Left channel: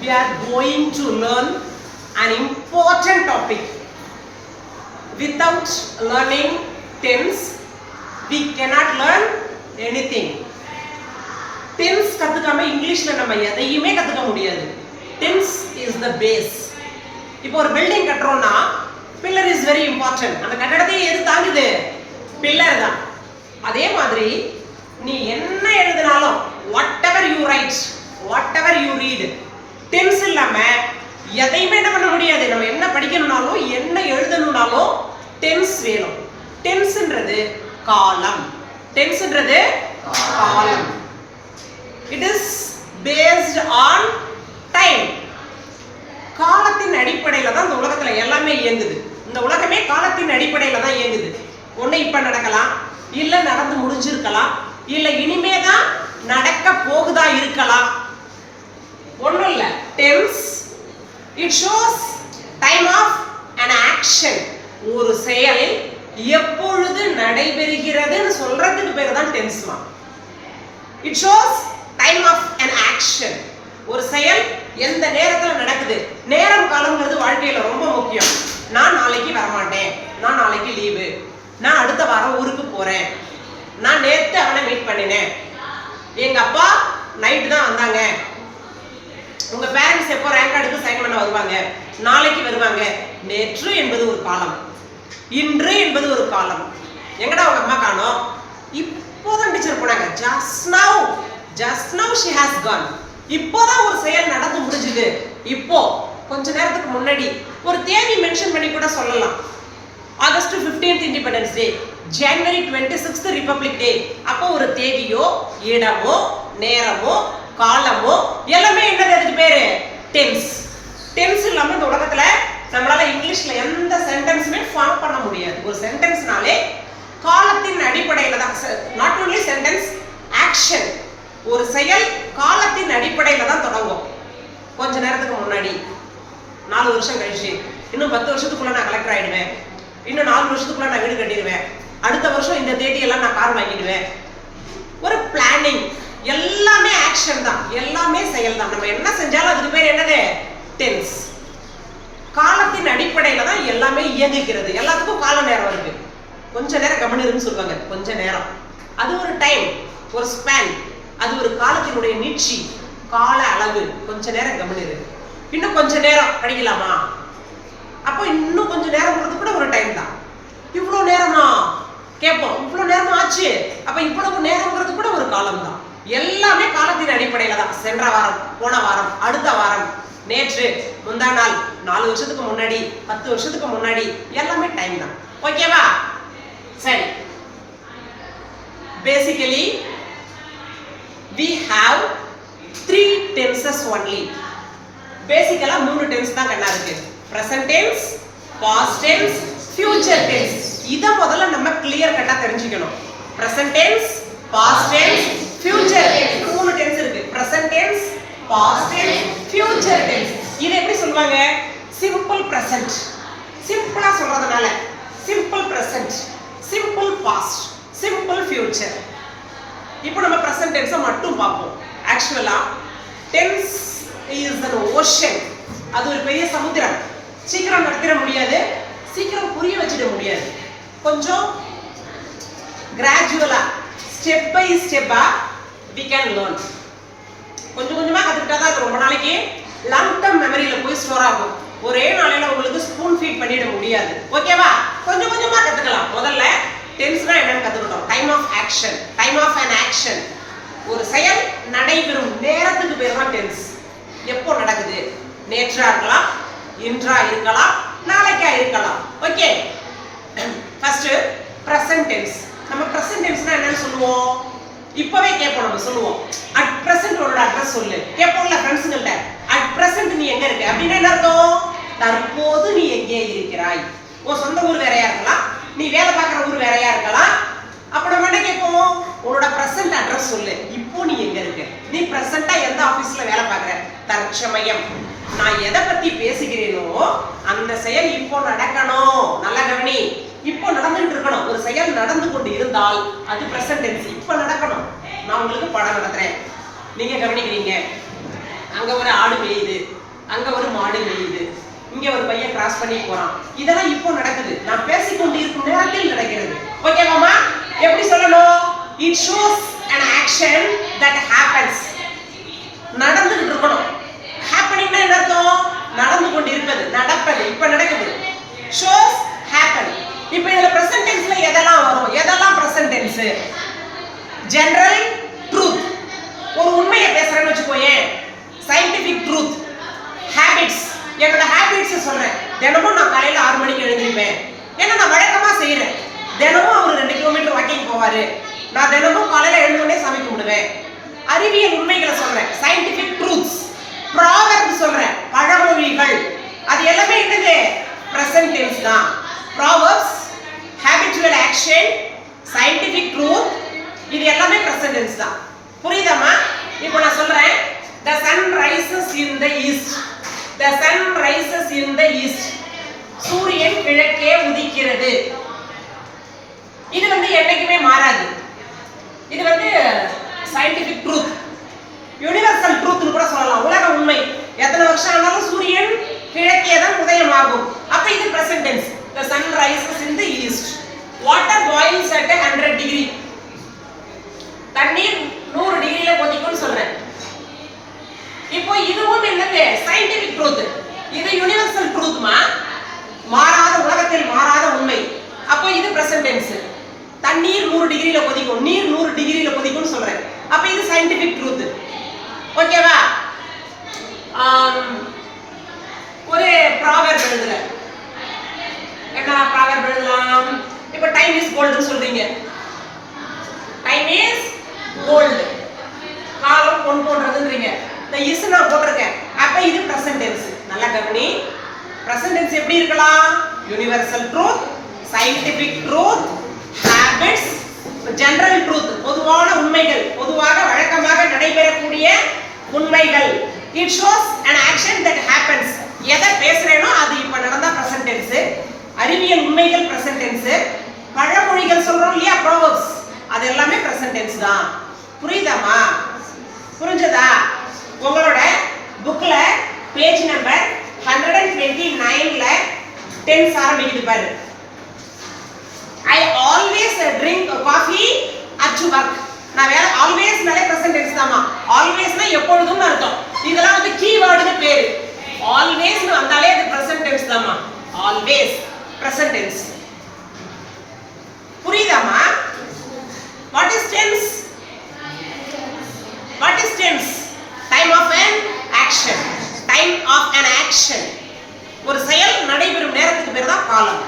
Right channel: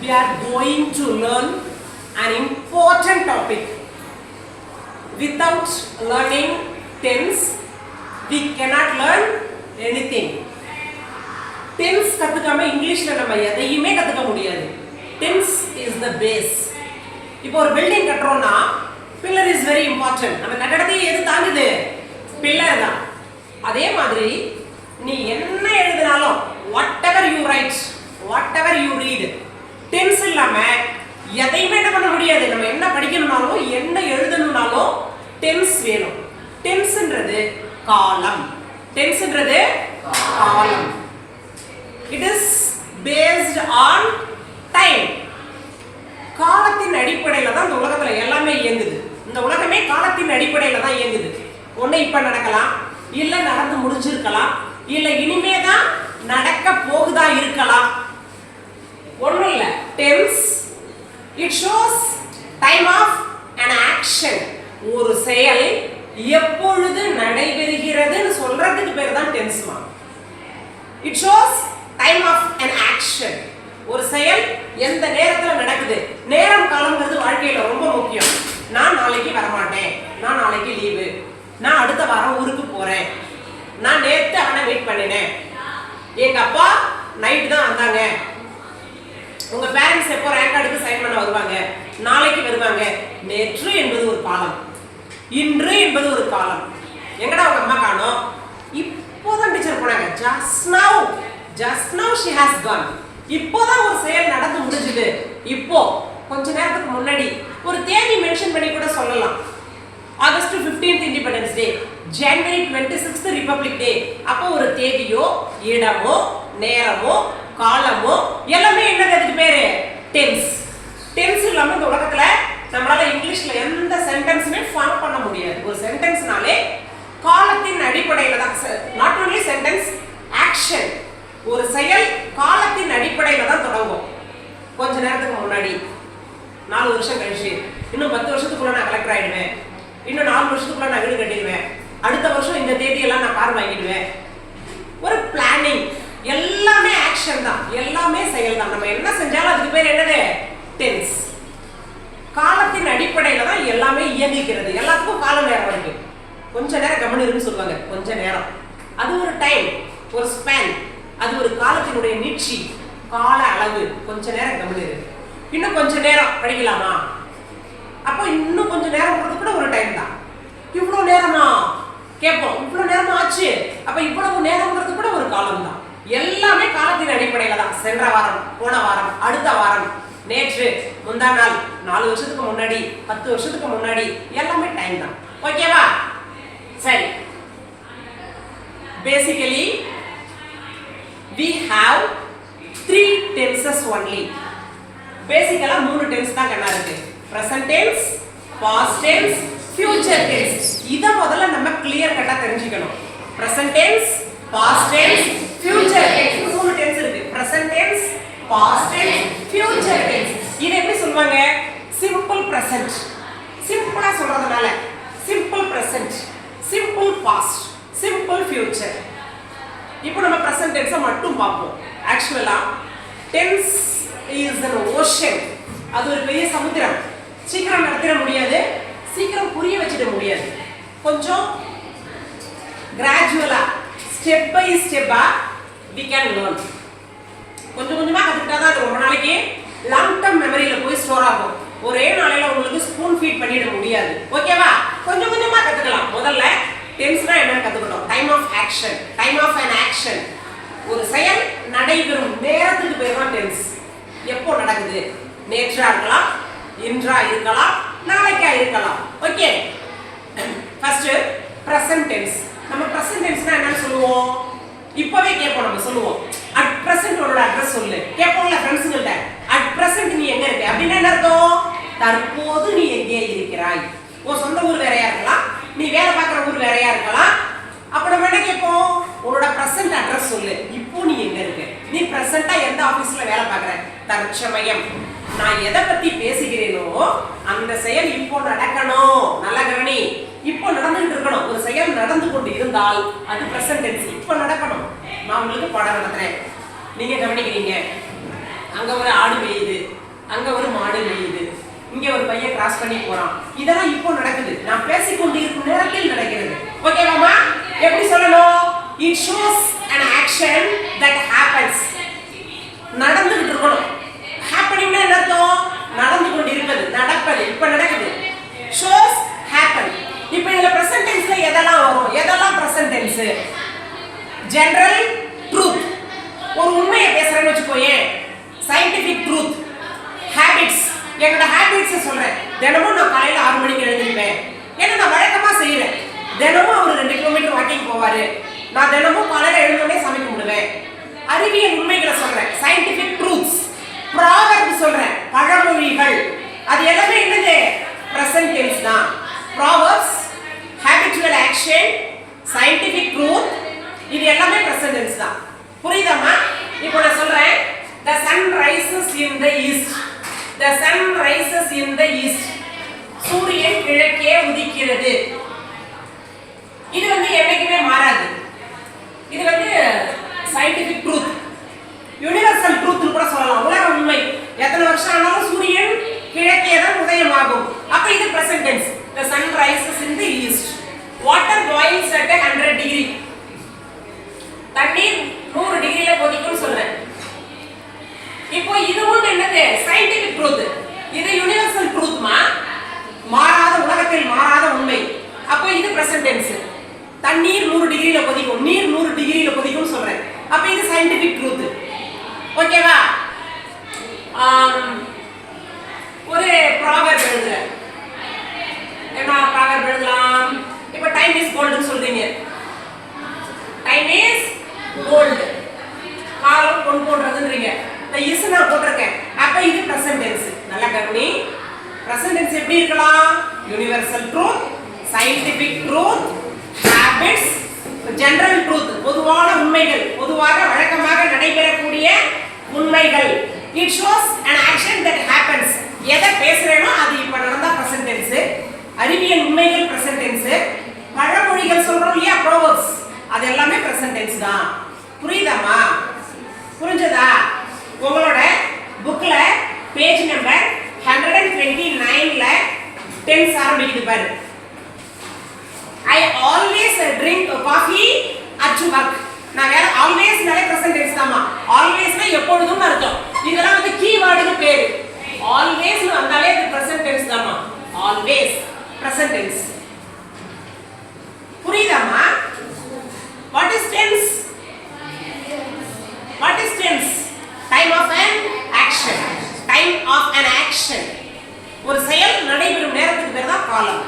We are going to learn an important topic. Without learning tense, we cannot learn anything. Tense கத்துக்காம இங்கிலீஷ்ல நம்ம எதையுமே கத்துக்க முடியாது. Tense is the base. இப்போ ஒரு building கட்டறோம்னா pillar is very important. அந்த கட்டடத்தை எது தாங்குது? pillar தான். அதே மாதிரி நீ என்ன எழுதினாலும் whatever you write, whatever you read, tense இல்லாம எதையுமே என்ன பண்ண முடியாது. நம்ம என்ன படிக்கணும்னாலும் என்ன எழுதணும்னாலும் tense வேணும். tenseன்றது காலம். tenseன்றது காலம். It is based on time. காலத்தின் அடிப்படையில் தான் இந்த உலகத்துல எல்லாமே இயங்குது. இந்த உலகமே காலத்தின் அடிப்படையில் தான் இயங்குது. ஒண்ணு இப்ப நடக்கலாம், இல்ல நடந்து முடிஞ்சிருக்கலாம், இல்ல இனிமே தான் நடக்க போகுதா இருக்கலாம். ஒண்ணும் இல்ல. tense it shows time of an action. ஒரு செயல் எப்பொழுது நடைபெறுகிறதுன்னு சொல்றதுக்கு பேர் தான் tenseமா. It shows time of an action. ஒரு செயல் எந்த நேரத்துல நடக்குது. நேரம் காலம்ங்கிறது வாழ்க்கையில ரொம்ப முக்கியம். நான் நாளைக்கு வர மாட்டேன், நான் நாளைக்கு லீவு, நான் அடுத்த வாரம் ஊருக்கு போறேன், நான் நேத்து அவனை மீட் பண்ணினேன், எங்க அப்பா நைட் தான் வந்தாங்க, உங்க பேரண்ட்ஸ் எப்போ ரேங்க் கார்டுக்கு சைன் பண்ண வருவாங்க, நாளைக்கு வருவாங்க. நேற்று என்பது ஒரு காலம், இன்று என்பது ஒரு காலம். எங்கடா உங்க அம்மா காணோம்? இப்போதான் டீச்சர் போனாங்க. just now she has gone. இப்போதான் ஒரு செயல் நடந்து முடிஞ்சது. இப்போ கொஞ்ச நேரத்துக்கு முன்னாடி ஒரு தேதி மென்ஷன் பண்ணி கூட சொல்லலாம். ஆகஸ்ட் 15th இண்டிபெண்டன்ஸ் டே, ஜனவரி 26th ரிபப்ளிக் டே. அப்போ ஒரு தேதியோ இடமோ நேரமோ காலமோ எல்லாமே என்னது அதுக்கு பேரு? டென்ஸ். டென்ஸ் இல்லாம இந்த உலகத்துல நம்மளால இங்கிலீஷ்ல எந்த சென்டென்ஸுமே ஃபார்ம் பண்ண முடியாது. ஒரு சென்டென்ஸ்னாலே காலத்தின் அடிப்படையில தான். Not only sentence, action. ஒரு செயல் காலத்தின் அடிப்படையில தான் தொடங்கும். கொஞ்ச நேரத்துக்கு முன்னாடி, 4 வருஷம் கழிச்சு, இன்னும் 10 வருஷத்துக்குள்ள நான் கலெக்டர் ஆயிடுவேன், இன்னும் 4 வருஷத்துக்குள்ள நான் வீடு கட்டிடுவேன், அடுத்த வருஷம் இந்த தேதியெல்லாம் நான் கார் வாங்கிடுவேன். ஒரு பிளானிங். எல்லாமே ஆக்ஷன் தான், எல்லாமே செயல் தான். நம்ம என்ன செஞ்சாலும் அதுக்கு பேர் என்னது? டென்ஸ். காலத்தின் அடிப்படையில தான் எல்லாமே இயங்குகிறது. எல்லாத்துக்கும் கால நேரம் இருக்கு. கொஞ்ச நேரம் கவனிருன்னு சொல்லுவாங்க. கொஞ்ச நேரம் அது ஒரு டைம், ஒரு ஸ்பேன், அது ஒரு காலத்தினுடைய நீட்சி, கால அளவு. கொஞ்ச நேரம் கவனிரு. இன்னும் கொஞ்ச நேரம் படிக்கலாமா? அப்போ இன்னும் கொஞ்ச நேரம் கூட ஒரு டைம் தான். இவ்வளவு நேரமா கேட்போம். இவ்வளவு நேரமா ஆச்சு, அப்ப இவ்வளவு நேரம்ங்கிறது கூட ஒரு காலம் தான். எல்லாமே காலத்தின் அடிப்படையில தான். சென்ற வாரம், போன வாரம், அடுத்த வாரம், நேற்று, முந்தா நாள், 4 வருஷத்துக்கு முன்னாடி, 10 வருஷத்துக்கு முன்னாடி, எல்லாமே டைம் தான். ஓகேவா? சரி. Basically we have 3 tenses only. பேசிக்கலா 3 டென்ஸ் தான் கண்ணா இருக்கு. present tense, past tense, future tense. இத முதல்ல நம்ம கிளியர் கட்டா தெரிஞ்சுக்கணும். present tense, past tense, future tense. 3 tense இருக்கு. present tense, past tense, future tense. இத எப்படி சொல்வாங்க? simple present. சிம்பிளா சொல்றதுனால simple present, simple past, simple future. இப்போ நம்ம present tense மட்டும் பார்ப்போம். ஆக்சுவலா tense is an ocean. அது ஒரு பெரிய சமுத்திரம். சீக்கிரம் நடத்திட முடியாது, சீக்கிரம் புரிய வச்சிட முடியாது. கொஞ்சம் கிராஜுவலா, ஸ்டெப் பை ஸ்டெப்பா we can learn. கொஞ்சம் கொஞ்சமா கத்துக்கிட்டா தான் அது ரொம்ப நாளைக்கு லாங் டர்ம் மெமரியில போய் ஸ்டோர் ஆகும். ஒரே நாளையில உங்களுக்கு ஸ்பூன் ஃபீட் பண்ணிட முடியாது. ஓகேவா? கொஞ்சம் கொஞ்சமா கத்துக்கலாம். முதல்ல டென்ஸ்னா என்னன்னு கத்துக்கிட்டோம். Time of action, time of an action. ஒரு செயல் நடைபெறும் நேரத்துக்கு பேர் தான் டென்ஸ். எப்போ நடக்குது? நேற்றா இருக்கலாம், இன்றா இருக்கலாம், நாளைக்கா இருக்கலாம். ஓகே. First present tense. நம்ம present tenseனா என்னன்னு சொல்லுவோம்? இப்பவே கேட்போம். நம்ம சொல்லுவோம் at present உன்னோட அட்ரஸ் சொல்லு. கேட்போம்ல ஃப்ரெண்ட்ஸ்ங்கள்ட்ட. at present நீ எங்க இருக்க அப்படின்னா என்ன அர்த்தம்? தற்போது நீ எங்கே இருக்கிறாய். உன் சொந்த ஊர் வேறையா இருக்கலாம், நீ வேலை பார்க்குற ஊர் வேறையா இருக்கலாம். அப்ப நம்ம என்ன கேட்போம்? உன்னோட பிரசன்ட் அட்ரஸ் சொல்லு. இப்போ நீ எங்க இருக்க? நீ பிரசன்ட்டா எந்த ஆபீஸ்ல வேலை பார்க்குற? தற்சமயம் நான் எதை பத்தி பேசுகிறேனோ அந்த செயல் இப்போ நடக்கணும். நல்லா கவனி. இப்போ நடந்துட்டு இருக்கணும். ஒரு செயல் நடந்து கொண்டு இருந்தால் அது பிரசன்ட் டென்ஸ். இப்போ நடக்கணும். நான் உங்களுக்கு பாடம் நடத்துறேன், நீங்க கவனிக்கிறீங்க. அங்க ஒரு ஆடு மேயுது, அங்க ஒரு மாடு மேயுது, இங்க ஒரு பையன் கிராஸ் பண்ணி போறான். இதெல்லாம் இப்போ நடக்குது, நான் பேசிக்கொண்டு இருக்கும் நேரத்தில் நடக்கிறது. ஓகேவாமா? எப்படி சொல்லணும்? It shows an action that happens. நடந்துகிட்டு இருக்கணும். ஹேப்பனிங்னா என்ன அர்த்தம்? நடந்து கொண்டு இருப்பது, நடப்பது, இப்ப நடக்குது. shows happen. இப்போ இதுல present tenseல எதெல்லாம் வரும்? எதெல்லாம் present tense? general truth. ஒரு உண்மையை பேசுறேன்னு வெச்சுக்கோயேன், scientific truth. habits. என்னோட habits சொல்றேன். தினமும் நான் காலையில 6 மணிக்கு எழுந்திருப்பேன். ஏன்னா நான் வழக்கமா செய்யறேன். தினமும் அவர் 2 கிலோமீட்டர் வாக்கிங் போவாரு. நான் தினமும் காலையில எழுந்தோடனே சாமி கும்பிடுவேன். அறிவியல் உண்மைகளை சொல்றேன், scientific truths. proverb சொல்றேன், பழமொழிகள். அது எல்லாமே என்னது? present tense தான். proverbs, habitual action, scientific truth, இது எல்லாமே present tense தான். புரியுதாமா? இப்போ நான் சொல்றேன், the sun rises in the east. the sun rises in the east. சூரியன் கிழக்கே உதிக்கிறது. இது என்னைக்குமே மாறாது. இது scientific truth, universal truth கூட சொல்லலாம். உலக உண்மை. எத்தனை வருஷம் ஆனாலும் சூரியன் கிழக்கே தான் உதயமாகும். அப்ப இது present tense. the sun rises in the east. water boils at 100 degree. தண்ணீர் 100 டிகிரில கொதிக்கும்னு சொல்றேன். இப்போ இதுவும் என்னது? scientific truth. இது universal truthமா, மாறாத உலகத்தில் மாறாத உண்மை. அப்போ இது present tense. தண்ணீர் 100 டிகிரில கொதிக்கும், நீர் 100 டிகிரில கொதிக்கும்னு சொல்றேன். அப்ப இது scientific truth. ஓகேவா? ஒரு proverb எழுதுறேன். என்ன proverb எழுதலாம்? இப்போ time is gold னு சொல்றீங்க. time is gold. காலம் பொன் போன்றதுன்றீங்க. இந்த is நான் போட்டுருக்கேன். அப்ப இது present tense. நல்லா கவனி. present tense எப்படி இருக்கலாம்? universal truth, scientific truth, habits, general truth, பொதுவான உண்மைகள், பொதுவாக வழக்கமாக நடைபெறக்கூடிய உண்மைகள். it shows an action that happens. எதை பேசுறேனோ அது இப்ப நடந்தா present tense. அறிவியல் உண்மைகள் present tense. பழமொழிகள் சொல்றோம் இல்லையா, proverbs, அது எல்லாமே present tense தான். புரியுதாமா? புரிஞ்சதா? உங்களோட புக்ல பேஜ் நம்பர் 129ல tense ஆரம்பிக்குது பாரு. I always drink coffee at work. நான் வேற always நாலே present tense தாமா. always னா எப்பொழுதும் அர்த்தம். இதெல்லாம் கீவேர்டுக்கு பேரு. always னு வந்தாலே அது present tense Dhama. always present tense. புரியுதாமா? what is tense? what is tense? time of an action. time of an action. ஒரு செயல் நடைபெறும் நேரத்துக்கு பேர் தான் காலம்.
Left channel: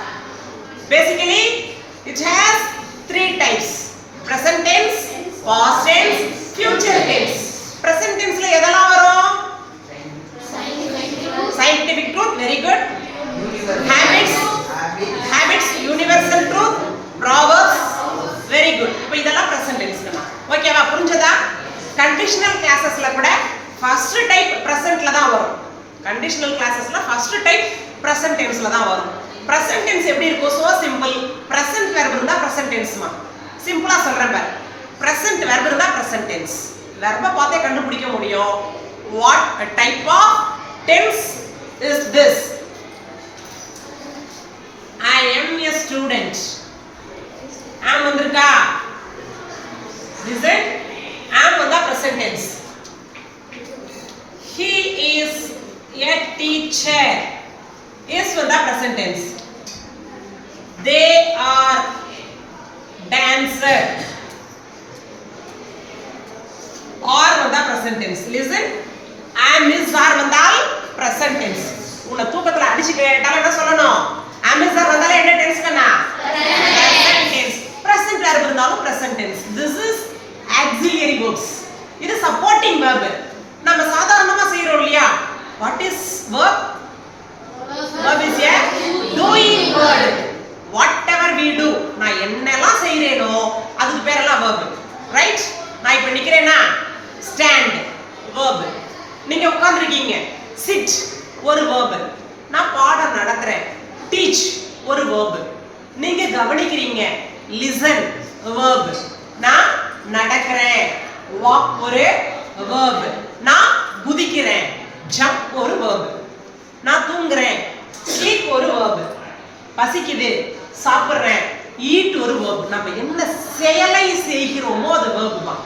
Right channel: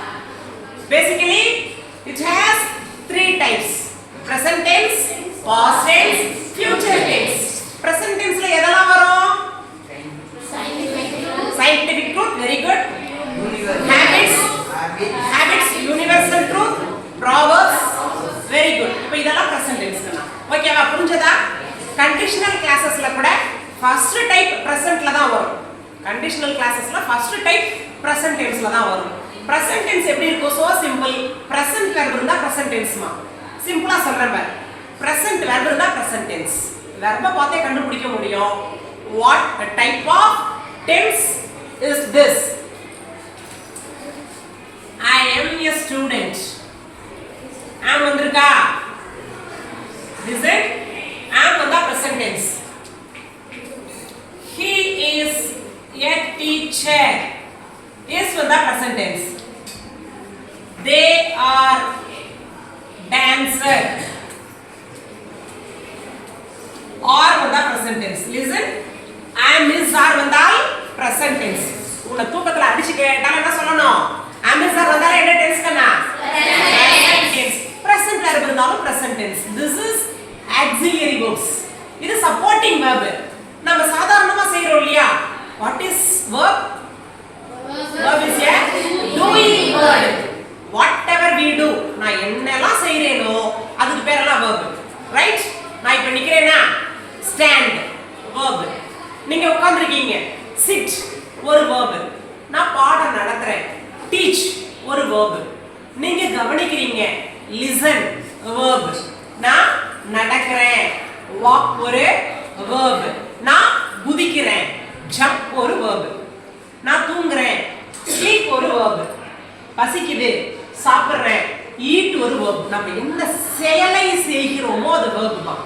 basically it has 3 types: present tense, past tense, future tense. present tenseல எதெல்லாம் வரும்? scientific truth, very good. habits, universal truth, proverbs, very good. இப்போ இதெல்லாம் present tense தான். ஓகேவா? புரிஞ்சதா? conditional classesல கூட first type presentல தான் வரும். conditional classesல first type present tenseல தான் வரும். present tense எப்படி இருக்கும்? so simple. present verb இருந்தா present tense மா. சிம்பிளா சொல்றேன் பாரு. present verb இருந்தா present tense. verb பார்த்தே கண்டுபிடிக்க முடியும். what type of tense is this? I am a student. am வந்திருக்கா? listen, am வந்தா present tense. he is a teacher. is வந்தா present tense. they are dancer. are வந்தா present tense. listen, am is are வந்தால் present tense. உன்னை தூக்கத்துல அடிச்சு கேட்டாலும் என்ன சொல்லணும்? am is are வந்தால என்ன tense கண்ணா? present tense. present verb இருந்தாலும் present tense. this is auxiliary verbs. இது supporting verb. நம்ம சாதாரணமா செய்றோம் இல்லையா? what is verb? verb is a doing word. whatever we do, நான் என்னெல்லாம் செய்றேனோ அதுக்கு பேர் எல்லாம் verb. right? நான் இப்ப நிக்கிறேனா? stand, verb. நீங்க உட்கார்ந்திருக்கீங்க, sit, ஒரு verb. நான் பாடம் நடத்துறேன், teach, ஒரு verb. நீங்க கவனிக்கிறீங்க, listen, verb. நான் நடக்கிறேன், walk, ஒரு verb. நான் குதிக்கிறேன் ஜம்ப் ஒரு verb. நான் தூங்குறேன் sleep ஒரு verb. பசிக்குது சாப்பிடுறேன் eat ஒரு verb. நம்ம என்ன செயலை செய்கிறோமோ அது verb தான்.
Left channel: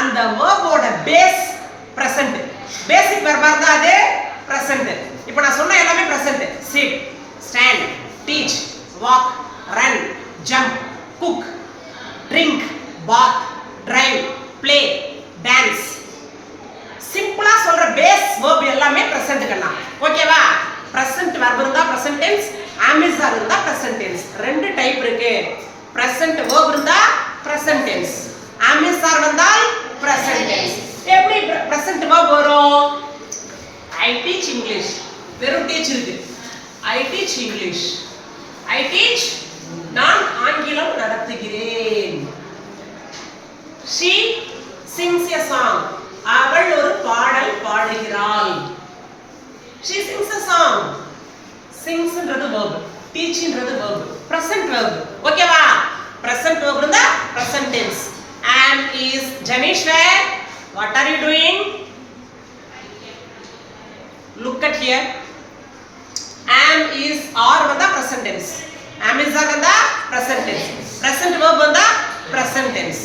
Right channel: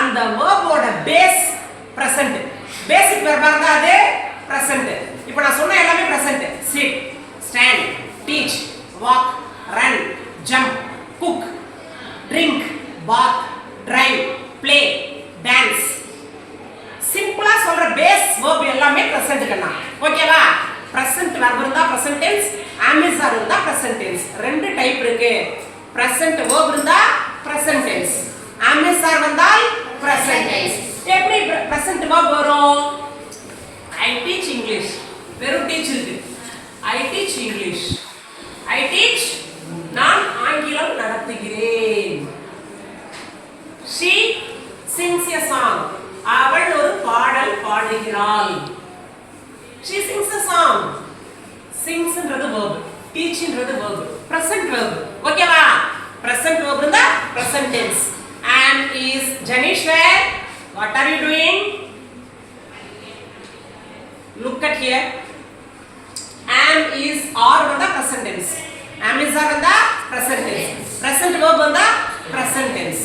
அந்த verb ஓட பேஸ் present. பேசிக் verb இருந்தா அது present. இப்போ நான் சொன்ன எல்லாமே present. sit, stand, teach, walk, run, jump, cook, drink, bath, drive, play, dance. சிம்பிளா சொல்ற பேஸ் verb எல்லாமே present கண்ணா. ஓகேவா? present verb இருந்தா present tense, amizar இருந்தா present tense. ரெண்டு டைப் இருக்கு. present verb இருந்தா present tense, amizar வந்தால் present tense. எப்படி present verb வரும்? I teach English. வெறும் teach இருக்கு. I teach English. I teach நான் ஆங்கிலம் நடத்துகிறேன். She sings a song. அவள் ஒரு பாடல் பாடுகிறாள். She sings a song. Sings ன்றது verb, teach ன்றது verb, present verb. ஓகேவா? present verb இருந்தா present tense. Am is Janish where? What are you doing? Look at here. Am is are வந்தா present tense. Am is are வந்தா present tense. Present verb வந்தா present tense.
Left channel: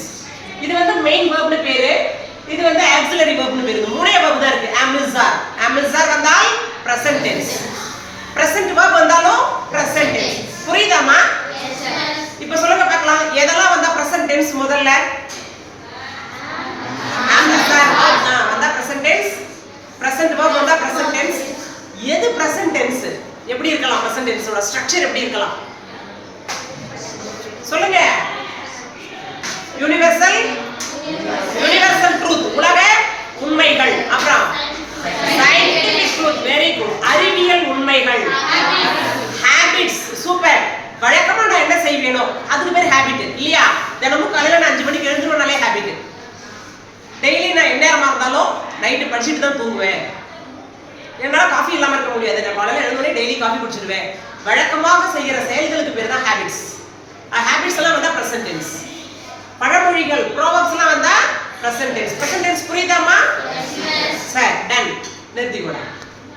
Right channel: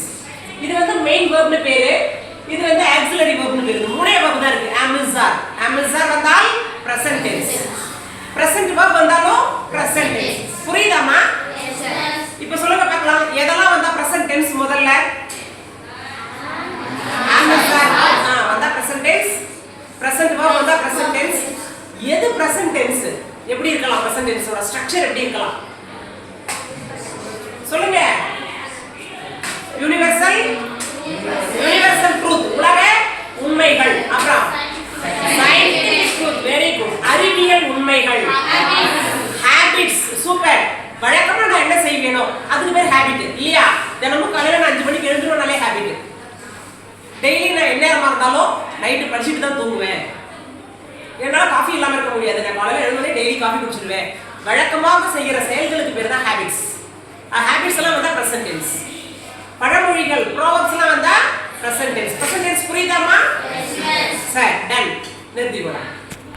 இது வந்து main verb னு பேரு, இது வந்து auxiliary verb னு பேரு. மூணே verb தான் இருக்கு. Am is are. Am is are வந்தால் present tense. Present verb வந்தாலும் present tense. புரியுதாமா? Yes sir. இப்போ சொல்லுங்க பார்க்கலாம். எதெல்லாம் வந்தா present tense முதல்ல? Am is are வந்தா present tense. Present verb வந்தா present tense. எது present tense? எப்படி இருக்கலாம்? present tense ஓட ஸ்ட்ரக்சர் எப்படி இருக்கலாம்? சொல்லுங்க. யுனிவர்சல் ட்ரூத், உலக உண்மைகள். அப்புறம் சயின்டிபிக் ட்ரூத், வெரி குட். அறிவியல் உண்மைகள். Habits, super. வழக்கமா நான் என்ன செய்வேனோ அதுக்கு பேர் ஹாபிட் இல்லையா? தினமும் காலையில நான் 5 மணிக்கு எழுந்துருவேனாலே ஹாபிட். டெய்லி நான் என்ன நேரமா இருந்தாலும் நைட்டு படிச்சுட்டு தான் தூங்குவேன். என்னால காஃபி இல்லாம இருக்க முடியாது. நான் காலையில எழுந்தோடனே டெய்லி காஃபி குடிச்சிடுவேன். வழக்கமாக செய்யற செயல்களுக்கு பேர் தான் ஹாபிட்ஸ். ஹாபிட்ஸ் எல்லாம் வந்தா present tense. பழமொழிகள், proverbs எல்லாம் வந்தா present tense. present tense புரியுதாமா? Yes. சரி, டன். நிறுத்திக்கோடா.